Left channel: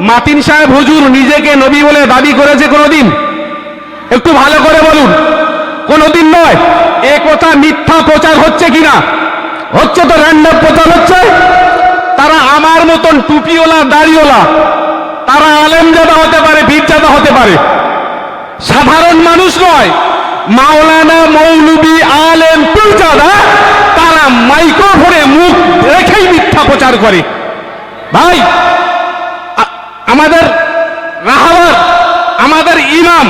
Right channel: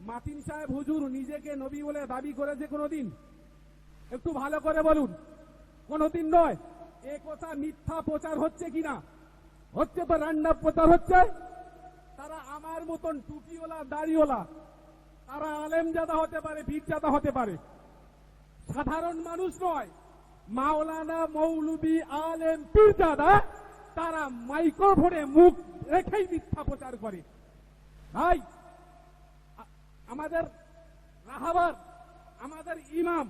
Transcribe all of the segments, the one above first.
মাতিন সাহেব হুজুর নিজেকে নবী বলে দাবি করেছে কোনোদিন? একটু ভালো করে বলুন। কোনোদিন নয়। এ কথা মিথ্যা প্রচার হচ্ছে কিনা? হচ্ছে তো র্যান্ডম প্রচার হচ্ছে। তারা আমার মতন টুপিওলা দাড়িওলা তারা আলেমজাদা হতে পারে বীরজাদা হতে পারে। সাধারণ মানুষ নয়। মাওলানা মৌলবি আলেম পীরজাদা তারা মাইক্রোফোনে মুখ রেখেই মিথ্যা প্রচার করে। ভাই আমাদের রাহাবার আমাদের ইমাম,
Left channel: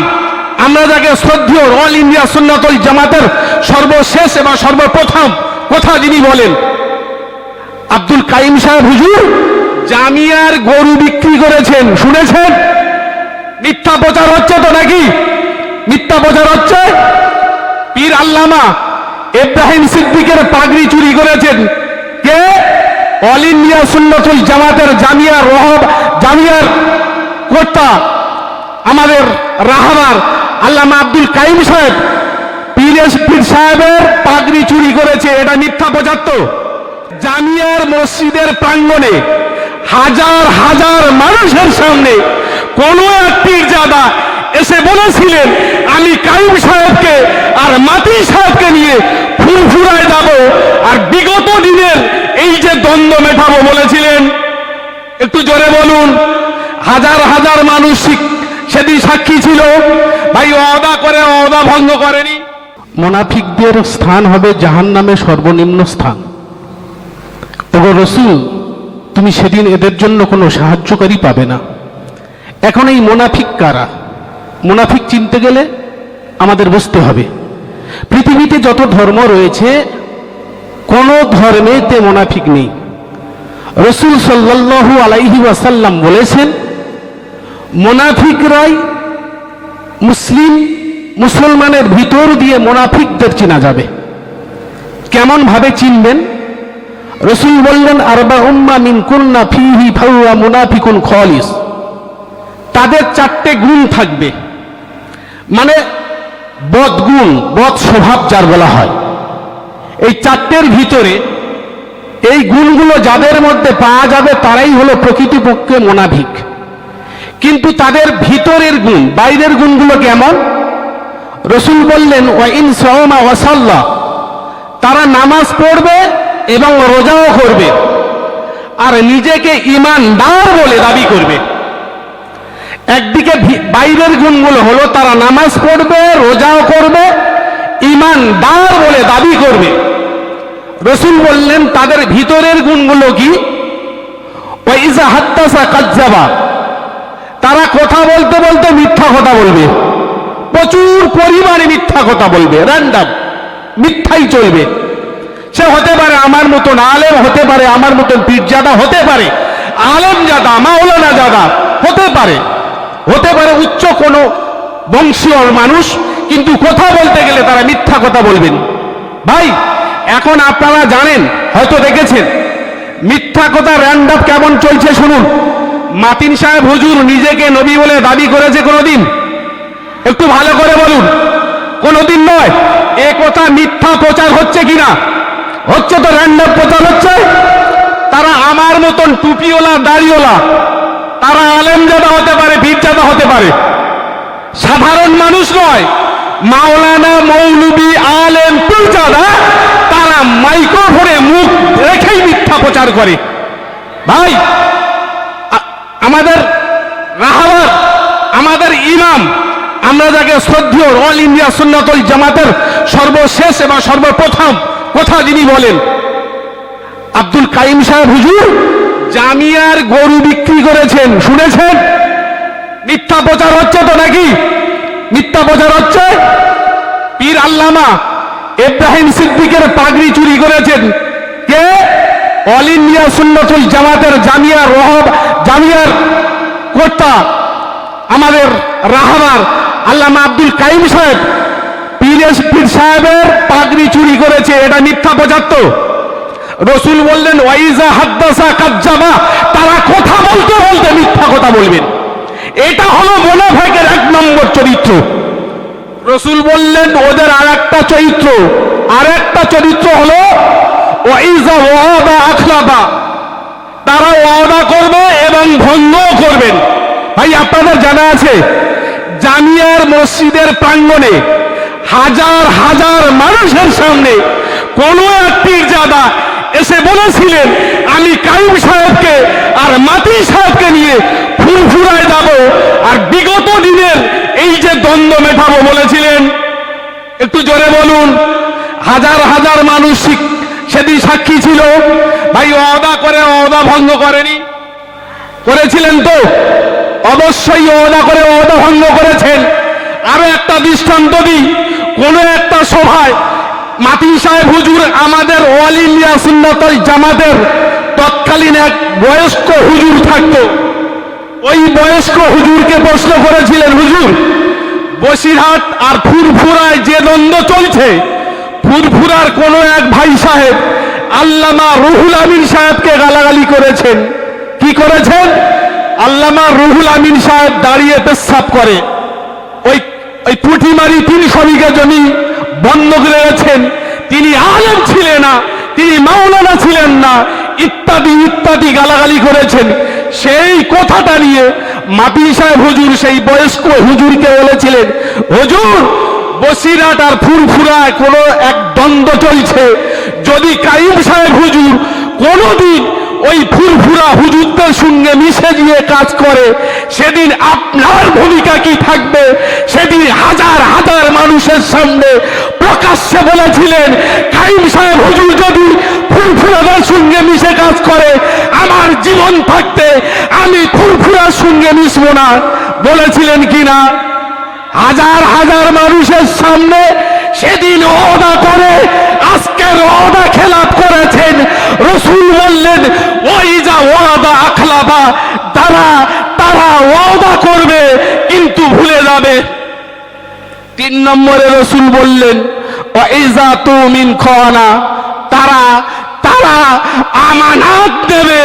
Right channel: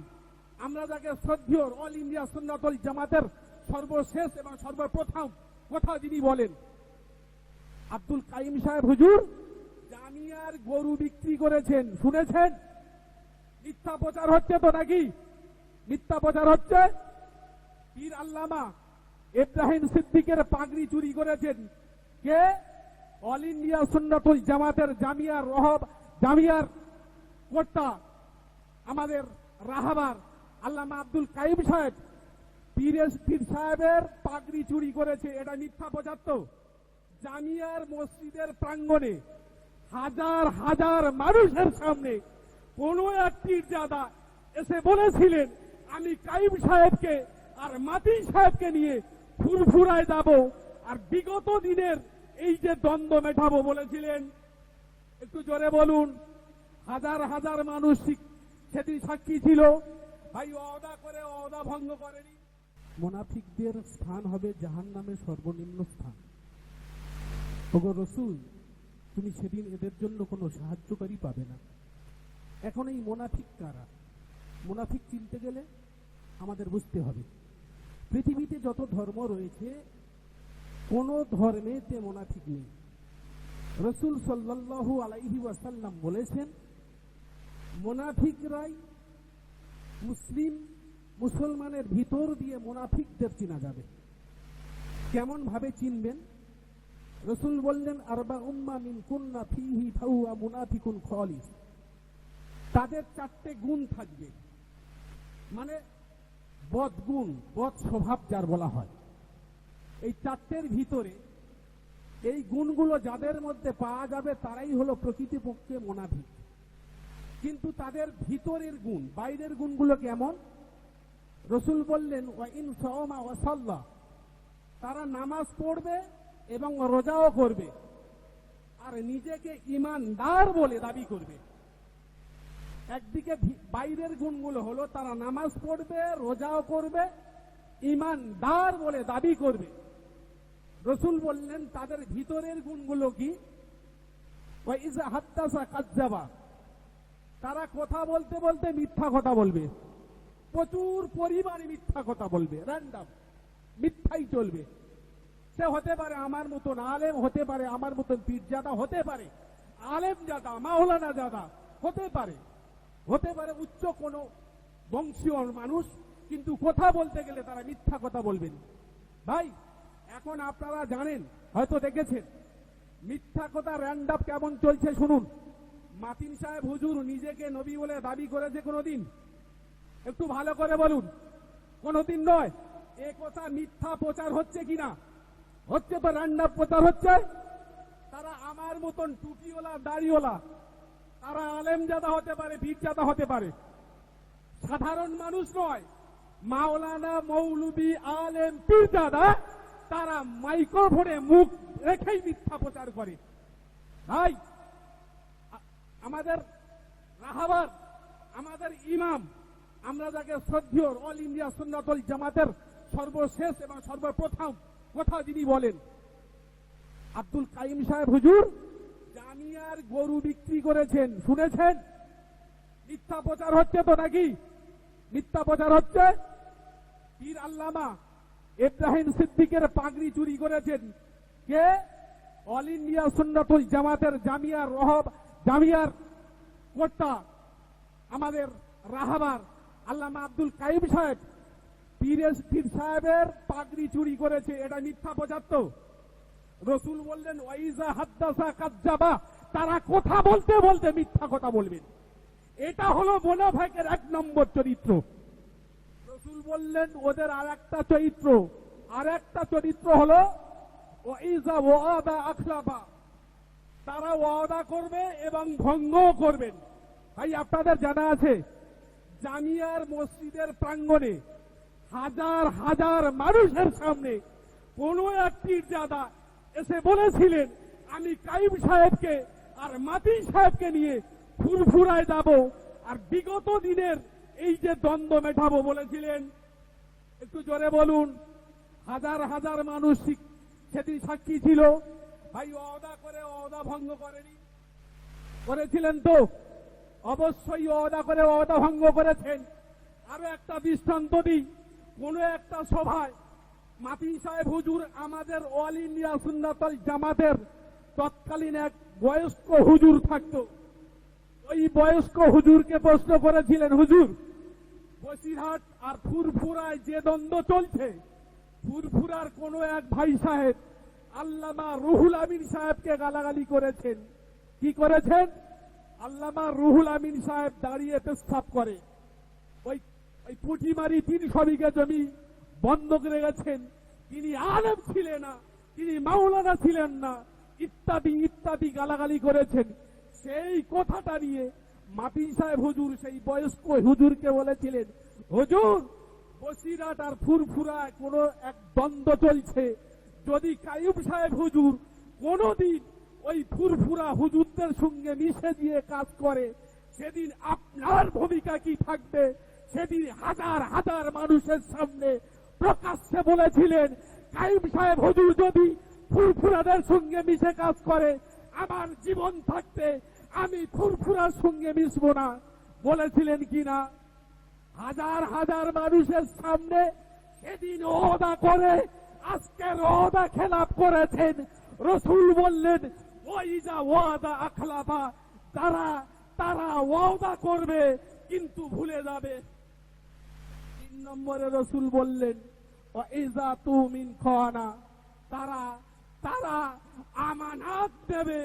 আমরা যাকে শ্রদ্ধেয় অল ইন্ডিয়া সুন্নাতুল জামাতের সর্বশেষ এবং সর্বপ্রথম কথা যিনি বলেন, আব্দুল কাইম সাহেব, হুজুর, জামিয়ার গরু বিক্রি করেছেন, শুনেছেন? মিথ্যা প্রচার হচ্ছে তো নাকি? মিথ্যা প্রচার হচ্ছে? পীর আল্লামা ইব্রাহিম সিদ্দিকের পাগড়ি চুরি করেছেন। কে? অল ইন্ডিয়া সুন্নতুল জামাতের জামিয়ার রহব কর্তা, আমাদের রাহাবার আল্লামা আব্দুল কাইম সাহেব, পীর পীর সাহেবের পাগড়ি চুরি করেছে, এটা মিথ্যা তো জামিয়ার মসজিদের প্রাঙ্গণে হাজার হাজার মানুষের সামনে কোন এক পীরজাদা এসে বলেছিলেন, আমি কাইম সাহেবকে আর মাতি সাহেবকে নিয়ে ফুরফুরায় যাব, আর বিগত দিনের এই যে দ্বন্দ্ব মেটাবো বলেছিলেন, একটু জোরে বলুন। হাজার হাজার মানুষ সেদিন সাক্ষী ছিল। ভাই অদা করে অদা ভঙ্গ করেনি। মোনাফিকদের স্থান হবে জাহান্নামে সর্বনিম্ন স্থান। ওগো রসুল, তুমি সেদিন এদের জন্য কোনো সাহায্যকারী পাবে না। এখন এই মোনাফিক কারা? মোনাফিক চিনতে গেলে আমাদের বুঝতে হবে। পৃথিবীতে যত ধর্ম রয়েছে, কোনো ধর্মেতে মোনাফিক নেই। রসুল সাল্লাল্লাহু আলাইহি ওয়াসাল্লাম বলেছেন মোনাফিকরাই মুসলিম, মুসলমানের ভিতর দিয়ে মোনাফিকদের চেনা যাবে। কেমন ভাবে চিনবেন? রসুল বললেন, আরবা উম্মা মিন কুন্না ফিহি ফাউয়া মুনাফিকুন খলিস। তাদের চারটে গুণ থাকবে। মানে বদগুণ বদ স্বভাব যার বলা হয়। এই চারটের ভিতরে এই গুণগুলো যাদের মধ্যে পাওয়া যাবে, তারাই হলো প্রকৃতিপক্ষে মোনাফিক। কিন্তু তাদের ভিতরের গুণ, বাইরের গুণগুলো কেমন? রসুল বললেন, ওয়াইন সওমা ওয়াসাল্লাহ তারা নামাজ পড়বে এবং রোজাও করবে আর নিজেকে ইমানদার বলে দাবি করবে। একদিকে বাইরের গুণগুলো হলো তারা নামাজ পড়বে, রোজাও করবে, ইমানদার বলে দাবি করবে। রসুল বললেন, তাদের ভিতরের গুণগুলো কি? ওয়াইজা হাত্তাসা কাজ্জাবা। তারা কথা বলতে বলতে মিথ্যা কথা বলবে। প্রচুর পরিমাণে মিথ্যা কথা বলবে র্যান্ডাম মিথ্যাই চলবে। সে হতে পারে আমার মতন আলেম, হতে পারে আমার মতন পীরজাদা, হতে পারে আলেম জাদা মাওলানা জাদা হতে পারে। হতে পারে উচ্চ কোনো বংশীয় মানুষ, কিন্তু কথা বলতে গেলে তারা মিথ্যা কথা বলবেন। ভাই, এখন আপনারা জানেন, হয়তো দেখেছেন, মিথ্যা কথা র্যান্ডাম কেমন চলছে শুনুন। মাতিন সাহেব হুজুর নিজেকে নবী বলে দাবি করেছে কোনোদিন? একটু ভালো করে বলুন। কোনোদিন নয়। এ কথা মিথ্যা প্রচার হচ্ছে কিনা? হচ্ছে তো র্যান্ডম প্রচার হচ্ছে। তারা আমার মতন টুপিওলা দাড়িওলা তারা আলেমজাদা হতে পারে বীরজাদা হতে পারে। সাধারণ মানুষ নয়। মাওলানা মৌলবি আলেম পীরজাদা তারা মাইক্রোফোনে মুখ রেখেই মিথ্যা প্রচার করে। ভাই আমাদের রাহাবার আমাদের ইমাম, আমরা যাকে শ্রদ্ধেয় অল ইন্ডিয়া সুন্নাতুল জামাতের সর্বশেষ এবং সর্বপ্রথম কথা যিনি বলেন, আব্দুল কাইম সাহেব, হুজুর, জামিয়ার গরু বিক্রি করেছেন, শুনেছেন? মিথ্যা প্রচার হচ্ছে তো নাকি? মিথ্যা প্রচার হচ্ছে? পীর আল্লামা ইব্রাহিম সিদ্দিকের পাগড়ি চুরি করেছেন। কে? অল ইন্ডিয়া সুন্নতুল জামাতের জামিয়ার রহব জামিয়ার কর্তা আমাদের রাহাবার আল্লামা আব্দুল কাইম সাহেব, পীর পীর সাহেবের পাগড়ি চুরি করেছে, এটা মিথ্যা প্রচার তো রসুল বললেন, ওয়াইজা হাদ্দাসা কাজ্জাবা। তারা কথা বলতে বলতে মিথ্যা কথা বলবেন। এটা হলো মোনাফেকের এক নম্বর চরিত্র। রসুল বললেন, ওদের আর একটা চরিত্র। আর একটা চরিত্র হলো, ওয়াইজা ওয়াদা আখলাবা। তারা এবং ভঙ্গও করবেন। ভাই, আপনাদের জানা আছে, জামিয়ার মসজিদের প্রাঙ্গণে হাজার হাজার মানুষের সামনে কোন এক পীরজাদা এসে বলেছিলেন, আমি কাইম সাহেবকে আর মাতি সাহেবকে নিয়ে ফুরফুরায় যাব আর বিগত দিনের এই যে দ্বন্দ্ব মেটাবো বলেছিলেন। একটু জোরে বলুন, হাজার হাজার মানুষ সেদিন সাক্ষী ছিল। ভাই অদা করে অদা ভঙ্গ করেনি। করেছিলেন তো? অবশ্যই অদা করে অদা ভঙ্গ করেছেন। আরও একটা দৃষ্টান্ত দিই। কোন একটা সভায় মাতি সাহেব হুজুর আমাদের অল ইন্ডিয়া সুন্নতল জামাতের তৎকালীন এক বয়স্ক হুজুর থাকতো। ওই বয়স্ক হুজুরকে প্রশ্ন করেছিলেন, হুজুর, বসিরহাট আর ফুরফুরায় যে দ্বন্দ্ব চলছে, ফুরফুরার কোন এক ভাই সাহেব আল্লামা রুহুল আমিন সাহেবকে গালাগালি করেছেন। কি করেছেন, আল্লামা রুহুল আমিন সাহেব দাঁড়িয়ে পেশাব করে। ওই ওই পুঁটিমারি তিন শরিকা জমি বন্ধক রেখেছেন। তিনি আলেম ছিলেন না, তিনি মাওলানা ছিলেন না, ইত্যাদি ইত্যাদি গালাগালি করেছেন। সেই কথাটা নিয়ে মাপি সাহেব হুজুর, সেই বয়স্ক হুজুরকে বলেছিলেন, হুজুর বসিরাট আর ফুরফুরায় কোনো এক দ্বন্দ্ব চলছে। যদি কাইম সাহেব হুজুর কোনোদিন ওই ফুরফুরা হুজুরদের সঙ্গে মিশে গিয়ে কাজ করে, সেদিন আপনার ভূমিকা কি থাকবে? সেদিন হাজার হাজার মানুষের সামনে প্রকাশ্যে বলেছিলেন কাইম সাহেব হুজুর যদি ফুরফুরাদের সঙ্গে মিশে কাজ করে, আমার জীবন থাকতে আমি ফুরফুরার সঙ্গে মিশবো না। বলেছিলেন কিনা হাজার হাজার মানুষের সামনে সেদিন ওদা করে, আজকের ওদা খেলাপ করেছেন রসুল বললেন, ওই যা ওয়াদা, আখলাবা, তারা তারা ওয়াদা করবে, কিন্তু ভুলে যাবে। তিন নম্বরে রসুল বললেন ওইজা তুমিন খানা তারা তারা আমানত দেবে,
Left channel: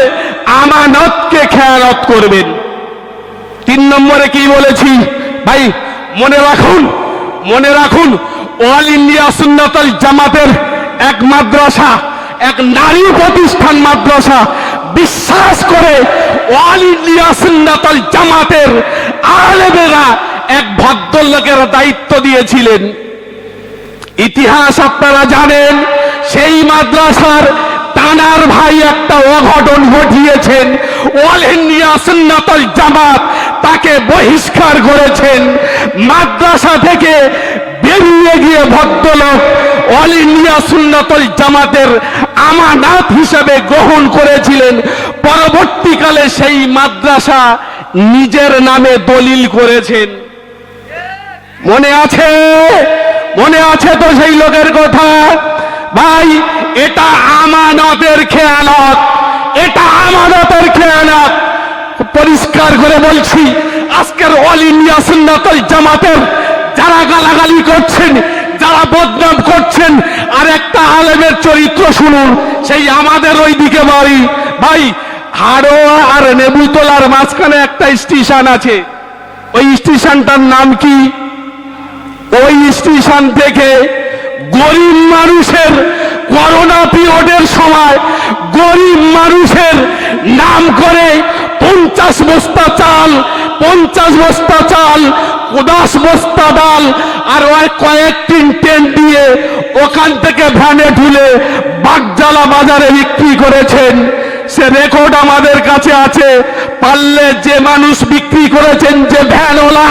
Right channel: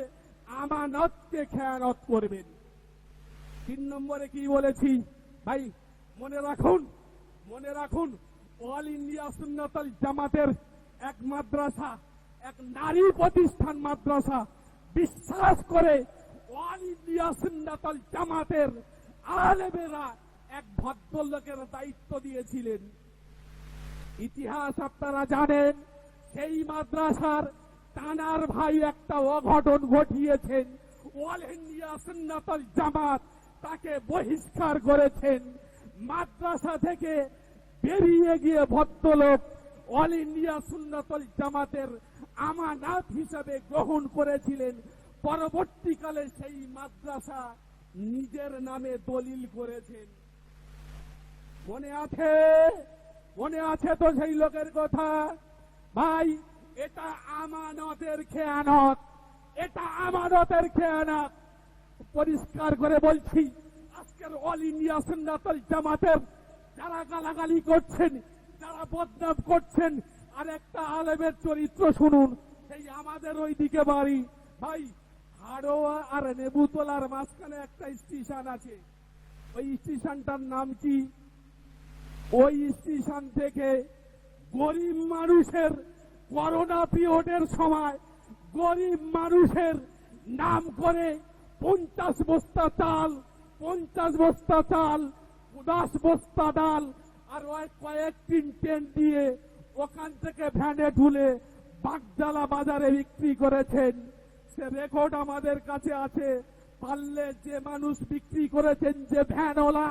আমানতকে খেয়ালত করবেন। তিন নম্বরে কি বলেছি? ভাই, মনে রাখুন মনে রাখুন, অল ইন্ডিয়া সুন্নতল জামাতের এক মাদ্রাসা এক নারী প্রতিষ্ঠান মাদ্রাসা বিশ্বাস করে অল ইন্ডিয়া জামাতের আলেমেরা এক ভদ্রলোকের দায়িত্ব দিয়েছিলেন। ইতিহাস আপনারা জানেন, সেই মাদ্রাসার টানার ভাই একটা অঘটন ঘটিয়েছেন। অল ইন্ডিয়া সুন্নাতল জামাত তাকে বহিষ্কার করেছেন। মাদ্রাসা থেকে বেরিয়ে গিয়ে ভদ্রলোক অল ইন্ডিয়া সুন্নাতল জামাতের আমানাত হিসেবে গ্রহণ করেছিলেন। পরবর্তীকালে সেই মাদ্রাসা নিজের নামে দলিল করেছেন। মনে আছে? মনে আছে তো সেই লোকের কথা? ভাই, এটা আমানতের খেয়ালত এটা আমানতের খেয়ালত পরিষ্কার করে বলছি, আজকের অল ইন্ডিয়া সুন্নাতল জামাতের যারা গালাগালি করছেন যারা বদনাম করছেন, আর একটা আলেমের চরিত্র শুনুন, সেই আমাদের ওই দিকে বাড়ি। ভাই হাড়োয়া আর নেবুতলার মাঝখানে একটা স্টেশন আছে। ওই স্টেশনটার নাম কি? ওই স্টেশন থেকে গরিব মানুষের করোনা পিরিয়ডের সময় গরিব মানুষের নাম করে পঞ্চাশ বস্তা চাল, পঞ্চাশ বস্তা চাল দশ বস্তা ডাল আর ওই কয়েকটি টেন্ট দিয়ে ওখান থেকে ভ্যানে ঢুলে বাগজালা বাজারে বিক্রি করেছেন। সে রেকর্ড আমাদের কাছে আছে। পারলে যে মানুষ বিক্রি করেছেন যে ভ্যানওয়ালা,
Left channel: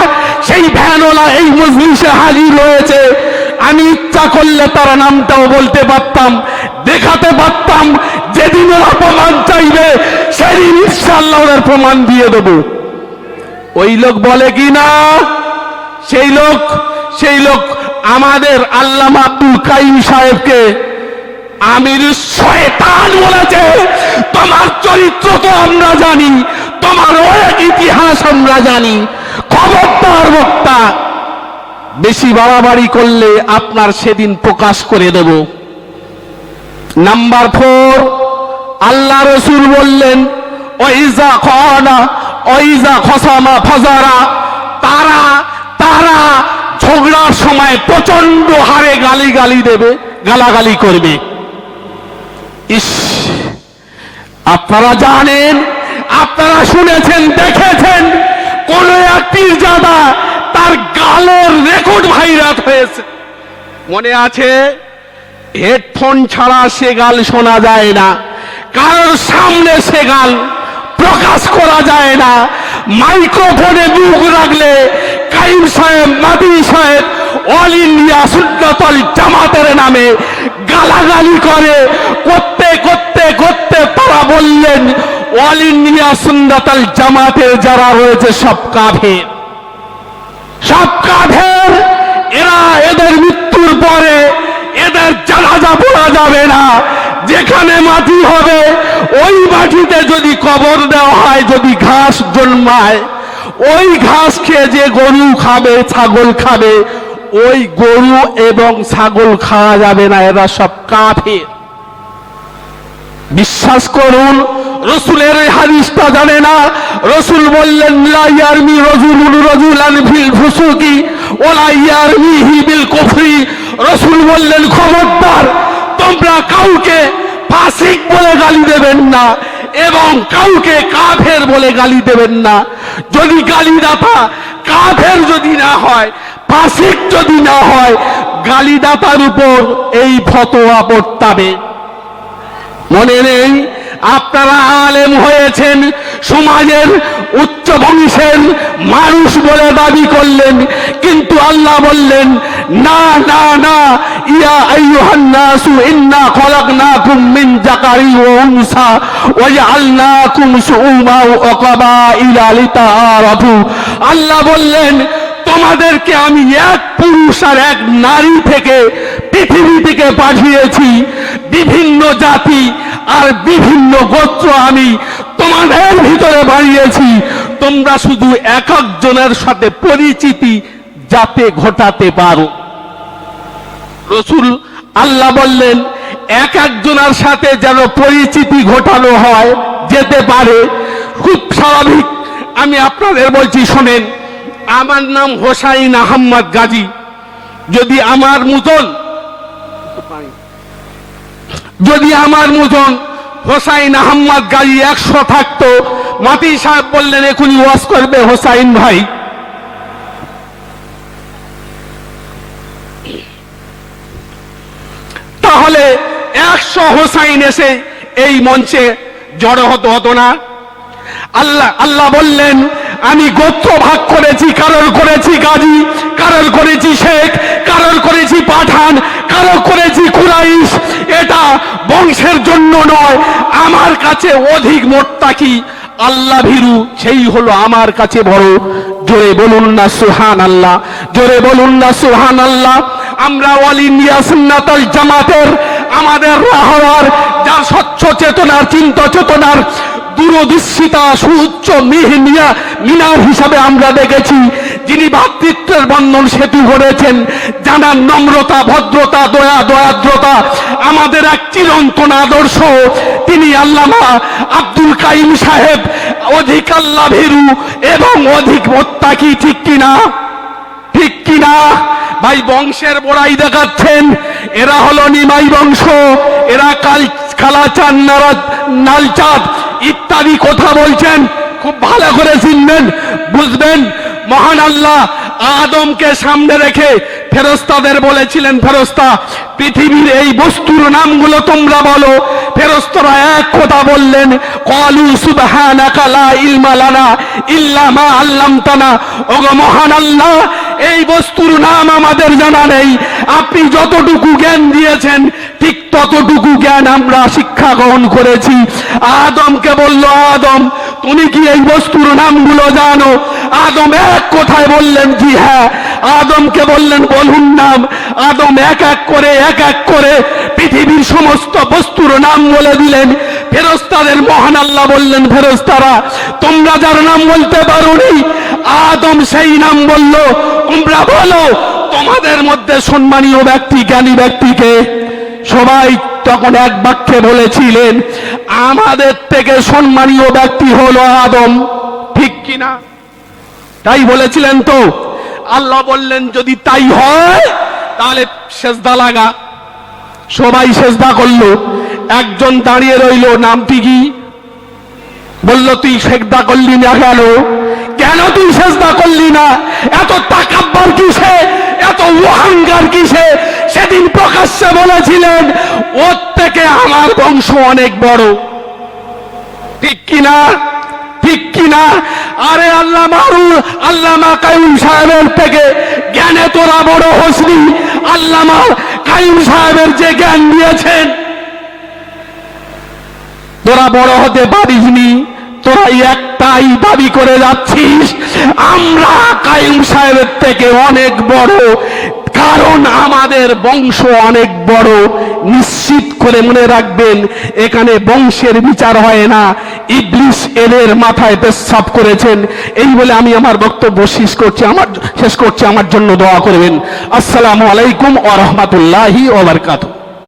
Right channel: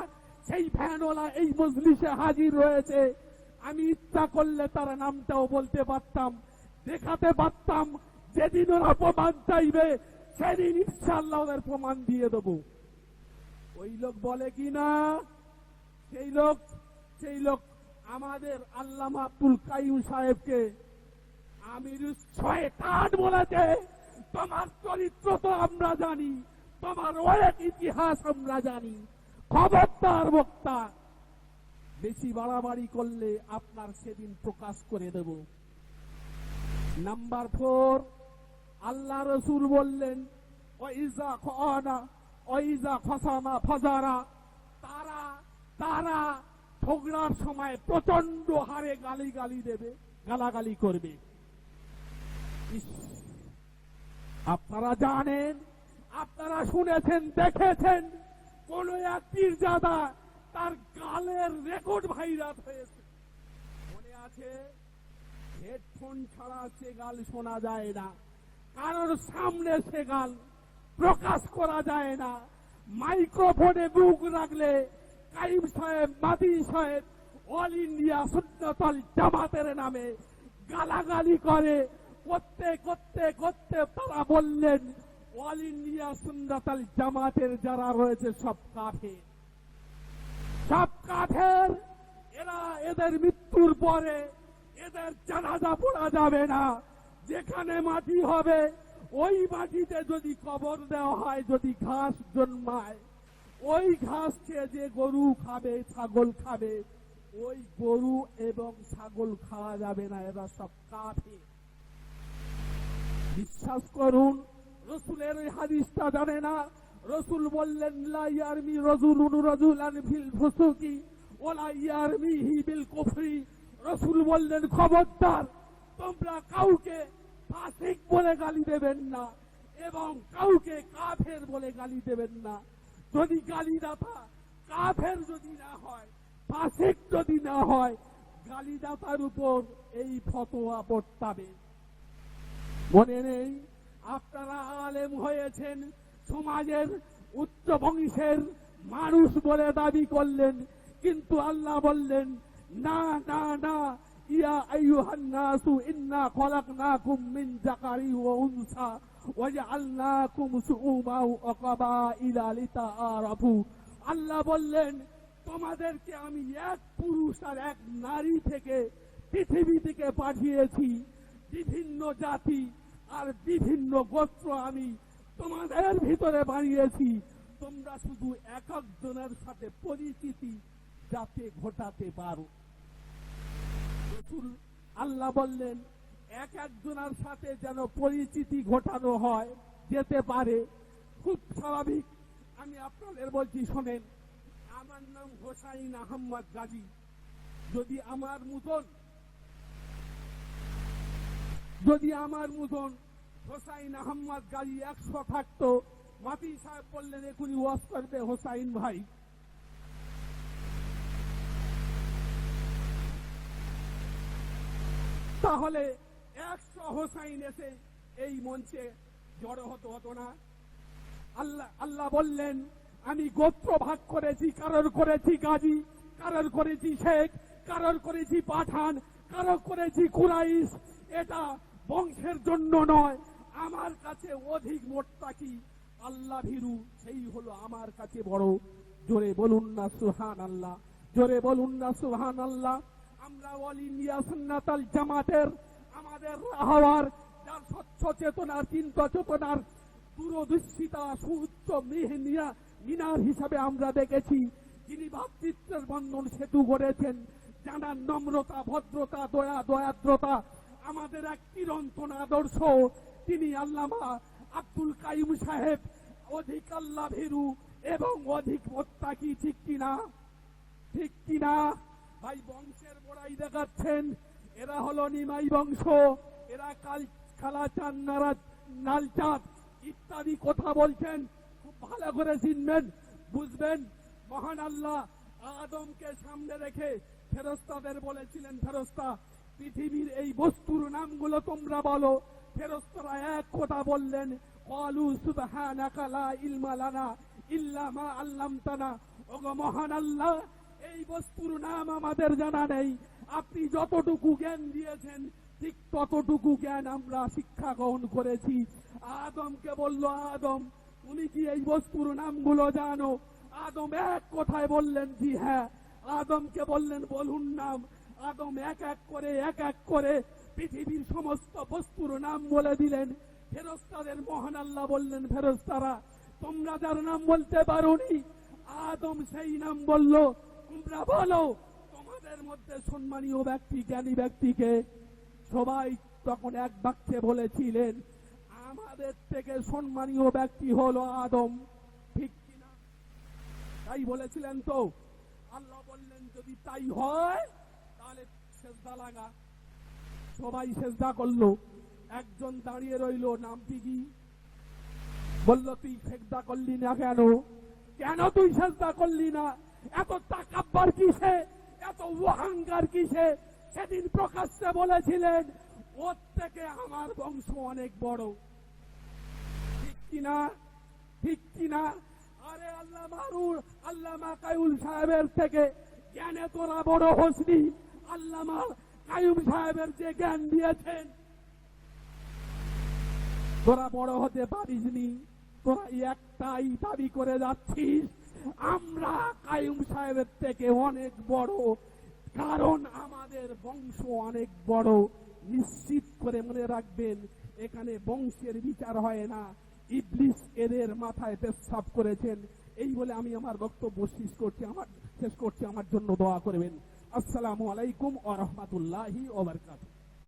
সেই ভ্যানওয়ালা এই মজলিসে হাজির রয়েছে আমি ইচ্ছা করলে তার নামটাও বলতে পারতাম, দেখাতে পারতাম, যেদিন ওরা প্রমাণ চাইবে, সেদিন ইনশাল্লাহ ওনার প্রমাণ দিয়ে দেবো। ওই লোক বলে কি না? সেই লোক সেই লোক আমাদের আল্লামা আব্দুল কাইম সাহেবকে আমির শয়তান বলেছে, তোমার চরিত্র তো আমরা জানি, তোমার অনেক ইতিহাস আমরা জানি, খবরদার বক্তা। বেশি বাড়াবাড়ি করলে আপনার সেদিন প্রকাশ করে দেব। নাম্বার ফোর, আল্লাহ রসুল বললেন, ওইজা খনা, ওইজা খসামা ফজারা, তারা তারা ঝগড়ার সময় প্রচণ্ড হারে গালি গালি দেবে, গালাগালি করবে। ইস, আপনারা জানেন, আপনারা শুনেছেন, দেখেছেন, কোন এক পীরজাদা তার গালের রেকর্ড ভাইরাল হয়েছে। মনে আছে হেডফোন ছাড়া সে গাল শোনা যায় না, কারোর সামনে সে গাল প্রকাশ করা যায় না মাইক্রোফোনে মুখ রাখলে কাইম সাহেব, মাদি সাহেব, অল ইন্ডিয়া সুন্নতল জামাতের নামে গালাগালি করে, করতে করতে করতে তারা বললেন, অল ইন্ডিয়া সুন্নতল জামাতের যারা রয়েছে সব কাফের। সব কাফের, এরা এদের মৃত্যুর পরে এদের জানাজা পড়া যাবে না। যেখানে মাটি হবে, ওই মাটিতে যদি কবর দেওয়া হয়, যদি ঘাস জন্মায় ওই ঘাস খেয়ে যে গরু খাবে, ছাগল খাবে, ওই গরু এবং ছাগল খাওয়া যাবে না, এরা সব কাফের। বিশ্বাস করুন, রসুলের হাদিসটা জানে না? রসুল বললেন, লা ইয়ারমি রজুলুন রজুলান ফিল ফুসুকি ওলা ইয়ারমিহি বিল কুফরি। রসুল বললেন, খবরদার, তোমরা কাউকে ফাসিক বলে গালি দেবেন না এবং কাউকে কাফের বলে গালি দেবেন না। যদি গালিদাতা কাফের যদি না হয়, ফাসিক যদি না হয় গালিদাতার উপর এই ফতোয়া পড়তাবে মনে নেই, আপনারা আলেম হয়েছেন, সমাজের উচ্চ বংশের মানুষ বলে দাবি করলেন, কিন্তু আল্লাহ বললেন না না না। ইয়া আইয়ুহান নাসু ইন্না খলাকনাকুম মিন যাকারি ওয়া উনসা, ওয়া জাআলনাকুম শুউবা ওয়া কাবাইলা লিতাআরাফু। আল্লাহ বললেন, তোমাদেরকে আমি এক পুরুষ আর এক নারী থেকে পৃথিবী থেকে পাঠিয়েছি। বিভিন্ন জাতি আর বিভিন্ন গোত্র আমি তোমাদের ভিতরে বাড়িয়েছি তোমরা শুধু এক একজনের সাথে পরিচিতি যাতে ঘটাতে পারো। রসুল আল্লাহ বললেন, এক একজনের সাথে যেন পরিচিতি ঘটানো হয়, যেতে পারে। খুব স্বাভাবিক। আমি আপনাদের বলছি, শোনেন, আমার নাম হোসাইন আহম্মদ গাজী। যদি আমার মতন, যদি আমার মতন হোসাইন আহম্মদ গাজী একশো থাকতো মাতি সাহেব বললেন, এখনই ওয়াজ করবে হোসাইন ভাই। তাহলে একশো হোসাইন এসে এই মঞ্চে জড়ো হতো হতো না। আল্লাহ আল্লাহ বললেন, আমি গোত্র ভাগ করেছি, কারোর করেছি গাজী, কারোর করেছি শেখ, কারোর করেছি পাঠান, কারোর করেছি কুরাইশ। এটা বংশের জন্য নয়, আমার কাছে অধিক মোট্টাকি আল্লাহ ভীরু, সেই হলো আমার কাছে বড়। জোরে বলুন না সুহান আল্লাহ জোরে বলুন না সুহান আল্লাহ আমরা অল ইন্ডিয়া সুন্নাতাল জামাতের, আমাদের রাহওয়ার, যা স্বচ্ছ চেতনার, চিন্তা চেতনার, দূরদৃষ্টিতা, সুউচ্চ মিহিনিয়া মিনার হিসাবে আমরা দেখেছি, যিনি ভাতৃত্বের বন্ধন সেতু করেছেন, জানার নম্রতা, ভদ্রতা, দয়া, দয়াদ্রতা, আমাদের এক চিরন্তন আদর্শ, তিনি আল্লামা আব্দুল কাইম সাহেব, অধিক আল্লাহ ভীরু এবং অধিক মোত্তাকি, ঠিক কিনা? ঠিক কিনা? ভাই বংশের বড়াই দেখাচ্ছেন। এরা হলো নিমাই বংশ, এরা কাল কালাচাঁদ নারাজ নালচাঁদ ইত্যাদি কথা বলছেন। খুব ভালো করে চিনবেন, বুঝবেন। মহান আল্লাহ আদমকে সামনে রেখে ফেরস্তাদের বলেছিলেন, ফেরস্তা, পৃথিবীর এই বস্তুর নামগুলো তোমরা বলো। ফেরস্তরা এক কথা বললেন, কলু সুবহানাকা লা ইলমা লানা ইল্লা মা আল্লামতানা। ওগো মহান আল্লাহ এই বস্তুর নাম আমাদের জানা নেই। আপনি যতটুকু জ্ঞান দিয়েছেন, ঠিক ততটুকু জ্ঞান আমরা শিক্ষা গ্রহণ করেছি। আদমকে বলল, আদম, তুমি কি এই বস্তুর নামগুলো জানো? আদম এক কথায় বললেন, জি হ্যাঁ। আদমকে বললেন, বলুন নাম। আদম এক এক করে, এক এক করে পৃথিবীর সমস্ত বস্তুর নাম বলে দিলেন। ফেরস্তাদের মহান আল্লাহ বললেন ফেরস্তারা তোমরা যার নাম বলতে পারোনি? আদম সেই নাম বলল তোমরা বলো তোমাদের মধ্যে সম্মানীয় ব্যক্তি, জ্ঞানী ব্যক্তিকে সবাই তখন এক বাক্যে বলেছিলেন, আমাদের থেকে সম্মানীয় ব্যক্তি হলো আদম। ঠিক কিনা তাই বলেছিলেন তো। আল্লাহ বললেন, যদি তাই হয়, তাহলে সেজদা লাগা। সবাই সেজদা করল। একজন দাঁড়িয়ে রইল, নামটি কি? বলল, তুই সেজদা করলি না কেন? কেন তুই সেজদা করলি না? এত তাকাব্বার কিসে? এত অহংকার কিসে? সেদিন প্রকাশ্যে বলেছিলেন, ওর থেকে আমার বংশ অনেক বড়। ঠিক কিনা? ঠিক কিনা? আরে আল্লাহ মারু আল্লামা কায়ুম সাহেবের থেকে জ্ঞানে তোরা বড় হসনি। আল্লামা কায়ুম সাহেবের যে জ্ঞান দিয়েছেন, তোরা বড় হতে পারিসনি। তোরা একটাই দাবি করে যাচ্ছিস, আমরা কায়ুম সাহেবের থেকে অনেক বড়, কারণ আমাদের বংশ অনেক বড়। নিশ্চিত করে মনে রাখবেন, এখানে বংশের বিচার হয় না। ইবলিশ এদের মাথায় পেশাব করেছেন। এই বলে আমি আমার বক্তব্য শেষ করছি, আমার, শেষ করছি। আমার জন্য দোয়া করবেন। আসসালামু আলাইকুম ওয়া রাহমাতুল্লাহি ওয়া বারাকাতুহু।